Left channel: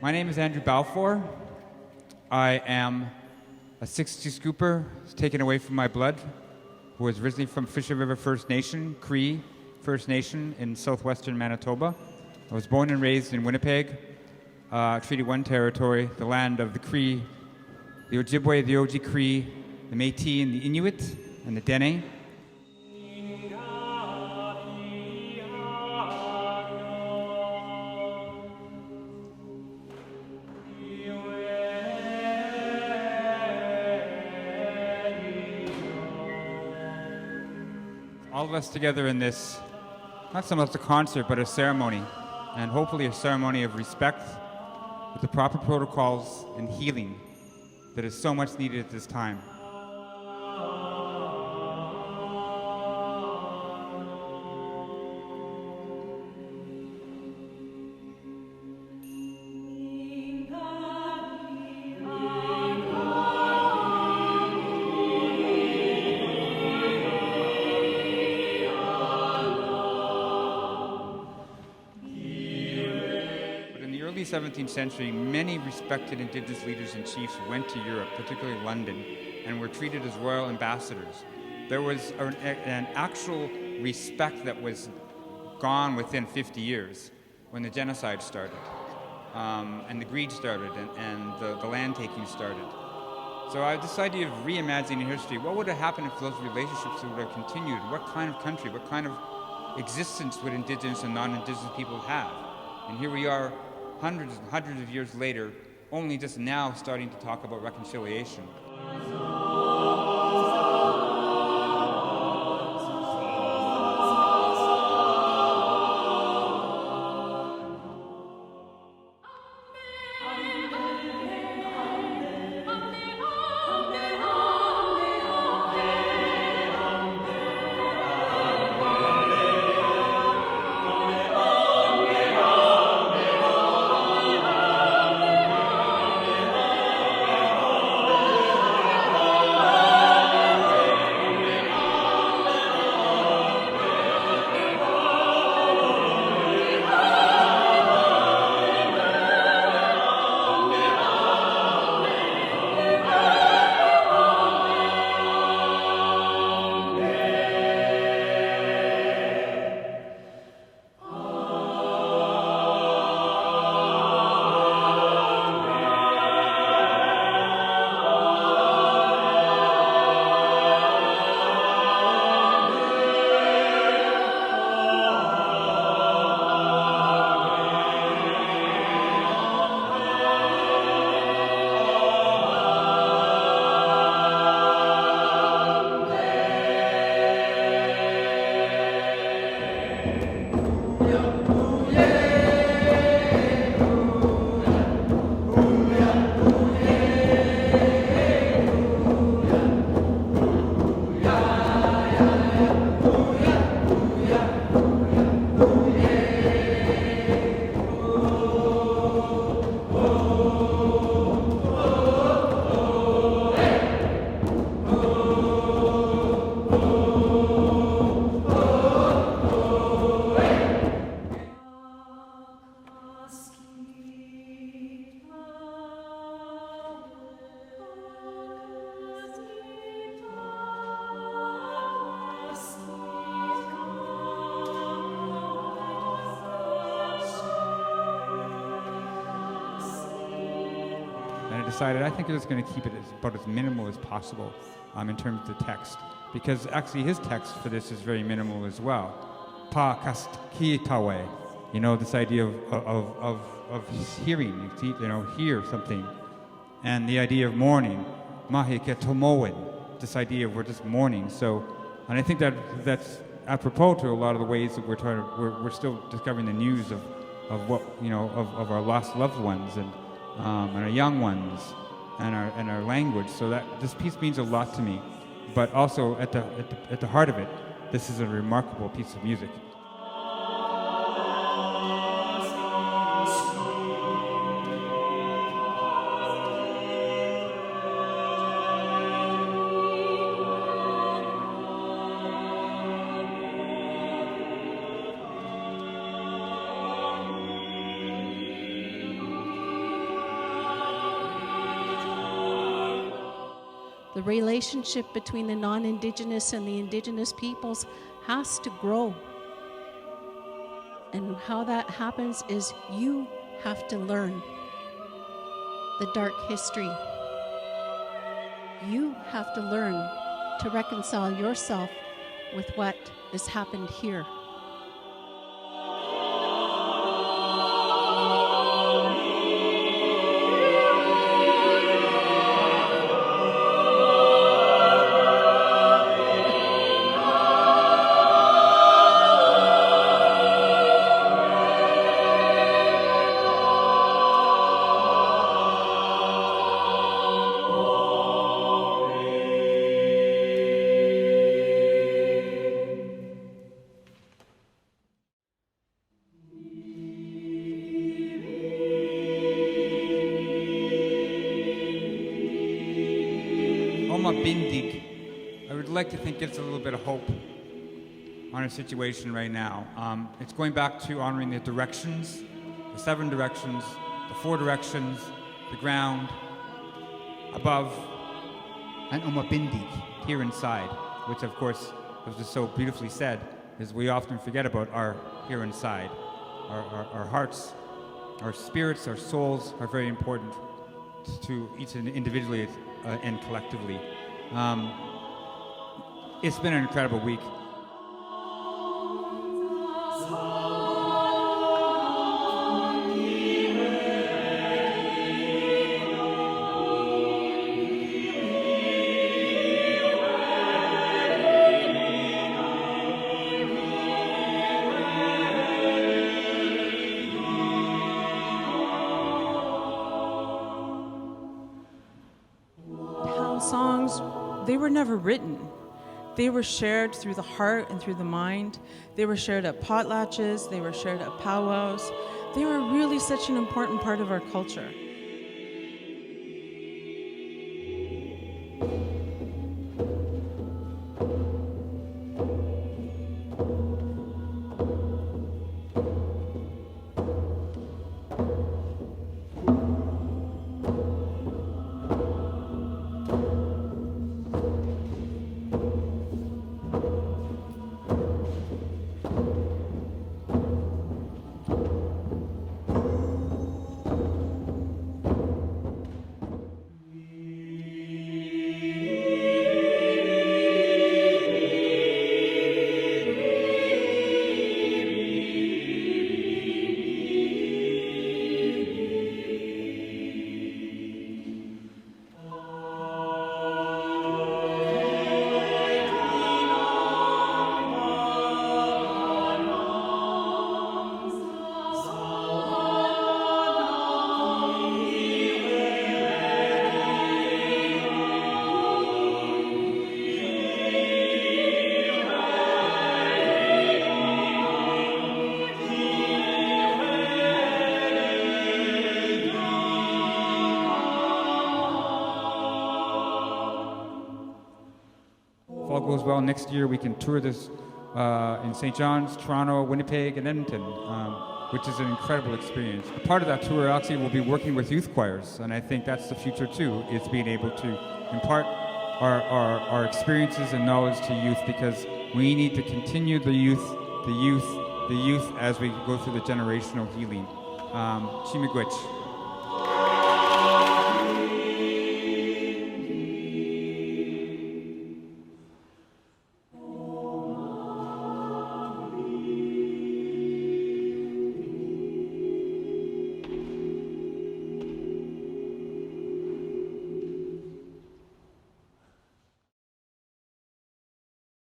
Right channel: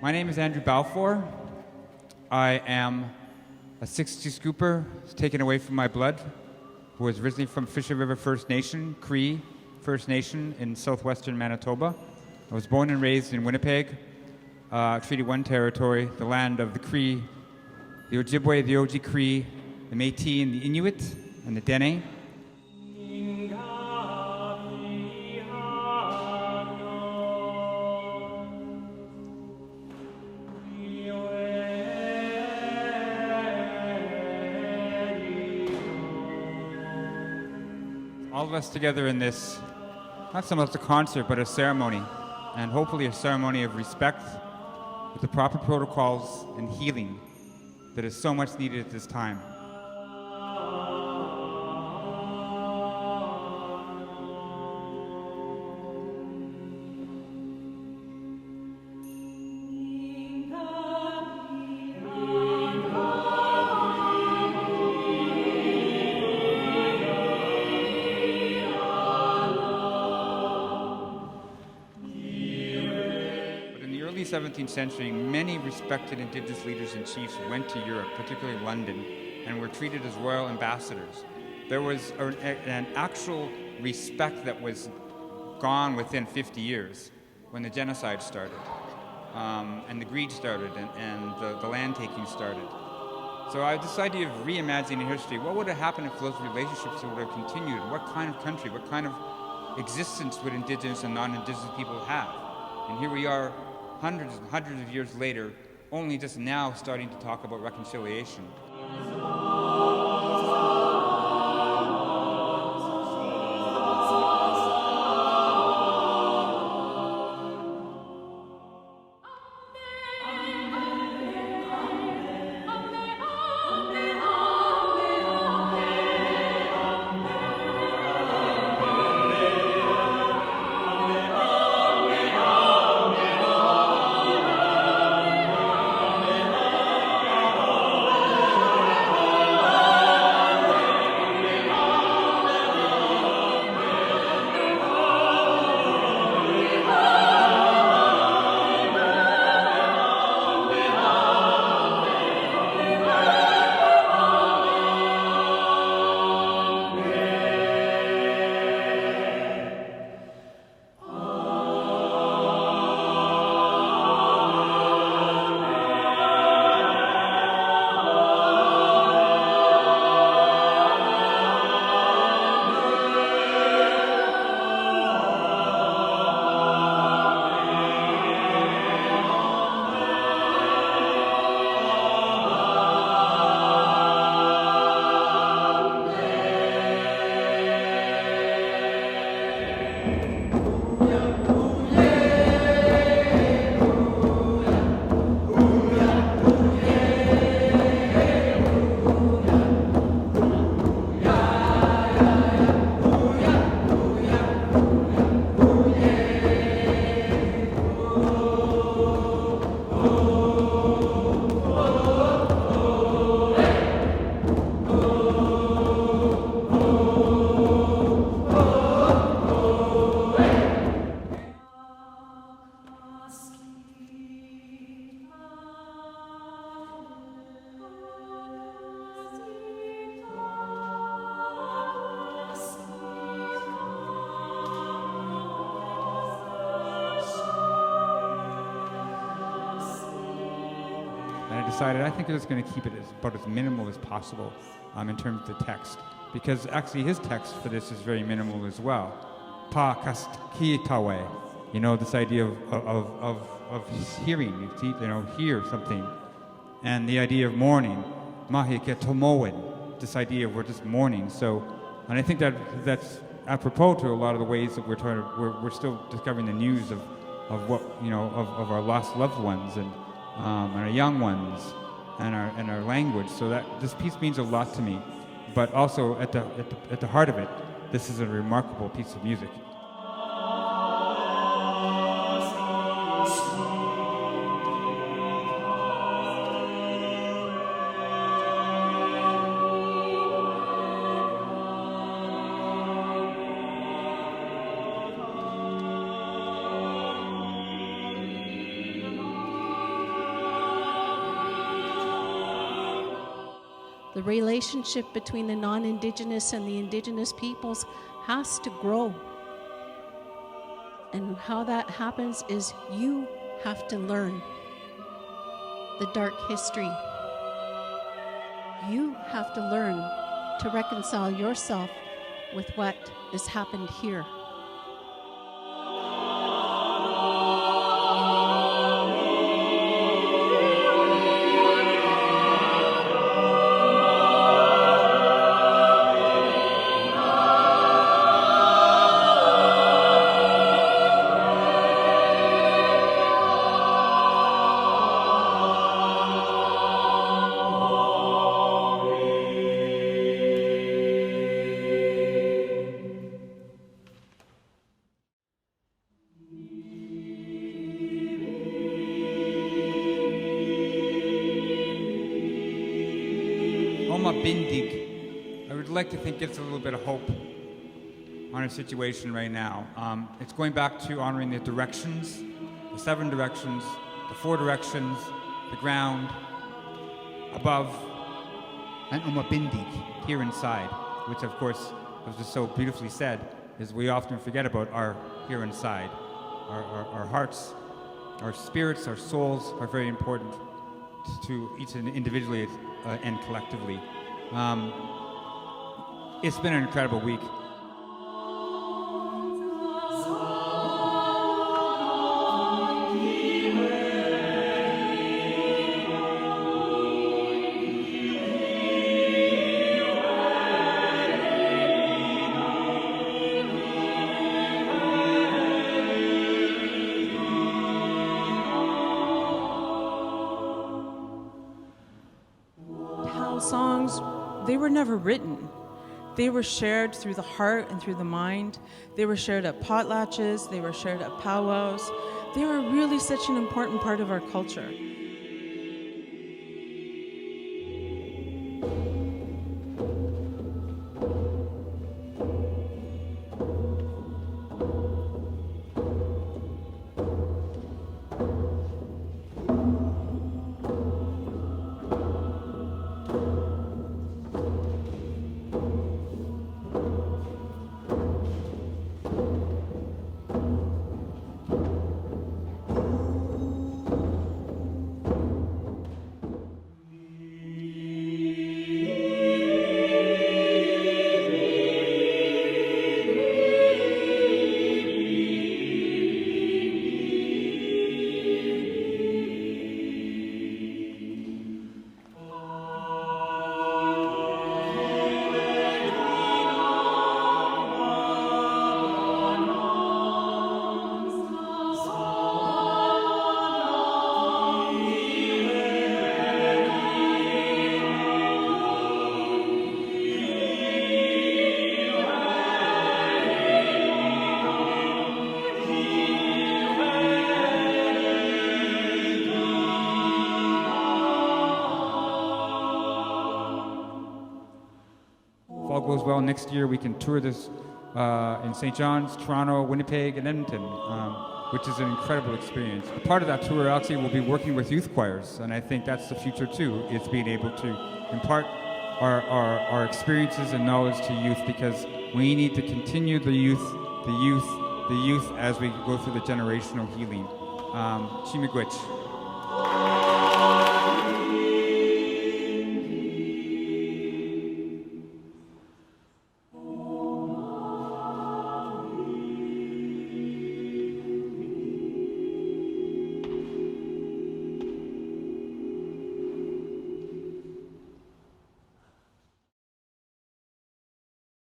My name is Andrew Balfour. I am a 60 scooper taken away from my blood, who was originally from Fisher River First Nation, Cree First Nation in southwestern Manitoba. I was born and raised in Winnipeg, Treaty 1 territory, the land of the Cree, the Ojibwe, the Oji Cree, the Métis and the Inuit, and the Dene. All of us together in this, not so much a concert, but a ceremony, and hopefully a ceremony of respect with the proper protocols and healing that is so much needed at this time. In the early 17th century, many respected Indigenous leaders and chiefs went to Europe, particularly London, and were treated as royal ambassadors. There was an actual respect that was gone within 50 years when the genocide started, and the greed started, and the land taking started. So this idea of reimagining history, what would have happened if those relationships would have continued? What kind of country, what kind of existence would Indigenous and non-Indigenous people have? And here we are, hundreds and hundreds of years later, only just now starting to talk about reconciliation. And I decided I think I'm just going to keep it about as minimal as possible in terms of the text, because actually his text for this is very minimal as well. Pa kast ki tawe, this idea of hearing, hear something, and the idea of mourning, mahi ke tomoen, this idea of we're just mourning. So, and I think that's apropos to a lot of the ways that we're still discovering the news of what of our lost loved ones and our young ones and our language. So that this piece means a lot to me, but also at the heart of it, this is a remarkable piece of music. The relationship between the non-Indigenous and the Indigenous peoples has to grow. And how that happens is you have to learn the dark history. You have to learn to reconcile yourself with what has happened here. Bindig, I would like to think gives a little bit of hope on our situation right now. It's going back to honoring the directions, the 7 directions, the 4 directions, the ground, above, and Bindig, here inside, which of course, as was so beautifully said, is we often forget about our here inside. Our hearts, our spirits, our souls are very important to each individually and collectively. It's been an incredible week. Songs, they were never written. They were shared through the heart and through the mind. They were shared at potlatches. They were shared at powwows. They were really such an important part of our culture. If all goes well, next year we can tour this in St. John's, Toronto, Winnipeg, and Edmonton, which is an incredible experience. Part of that tour actually will be working with youth choirs, and I think that's the future too, is being able to impart our experiences and knowledge to youth, because we need to continue the youth as we go through the generational healing. Xʷməthkվəy.